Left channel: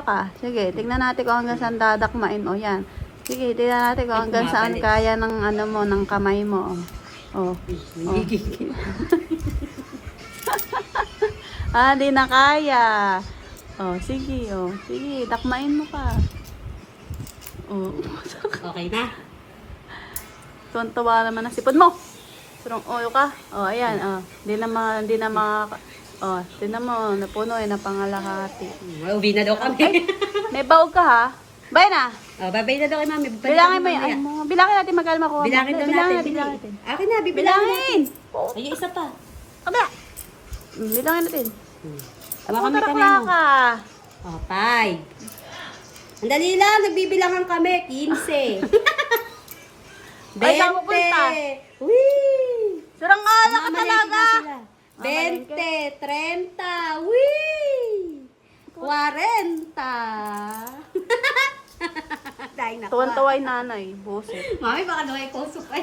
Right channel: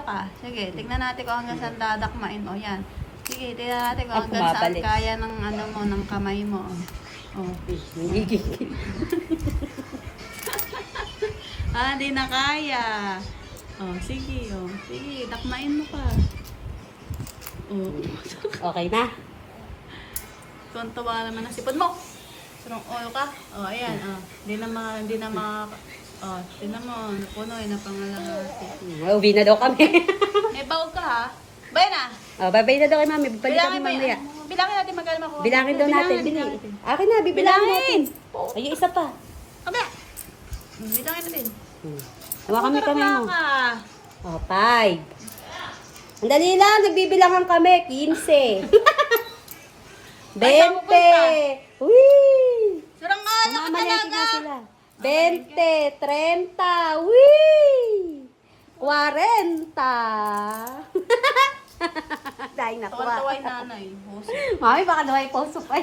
ka. Sige, tignan natin kung hanggang saan dadakmain. O, yan. Sige, tignan natin kung Ay, hanggang saan bumabalik. kaya ng ano mo, ng kamay mo. O. Nagigigil. Di na kaya. O, sige, o. Sige, dakmain mo pa. O. Okay na? Tuwan-tuwa naman ang sipon mo. Turong oil ka. O, ayan, o. Hindi na o, tinan mo, napuno eh, napangalahati. Uwi na daw kami. May baog ka ha? Bye na! Oh, bye-bye na daw kay mami. Balik Bilangin kami mo mamaya. yan. Bilangin natin magkano makuha. Bilangin daw natin. Bilangin. Akin na, bibilangin natin. Ay, isa pa. Kabila. Bilangin natin. Hawa kami Tara, kamay mo. ka. Oh, 5. Ang dali lang, nagbibilangan kami. 15. 20. Ay, saan pupunta? Wee! Surang nga na ka Mamamalengke talaga. na sila. 20, 30, wee! 40. Dahil nakuha. Tuwan-tuwa yung nanay. Busi. Mami, baka daw ay puso pa.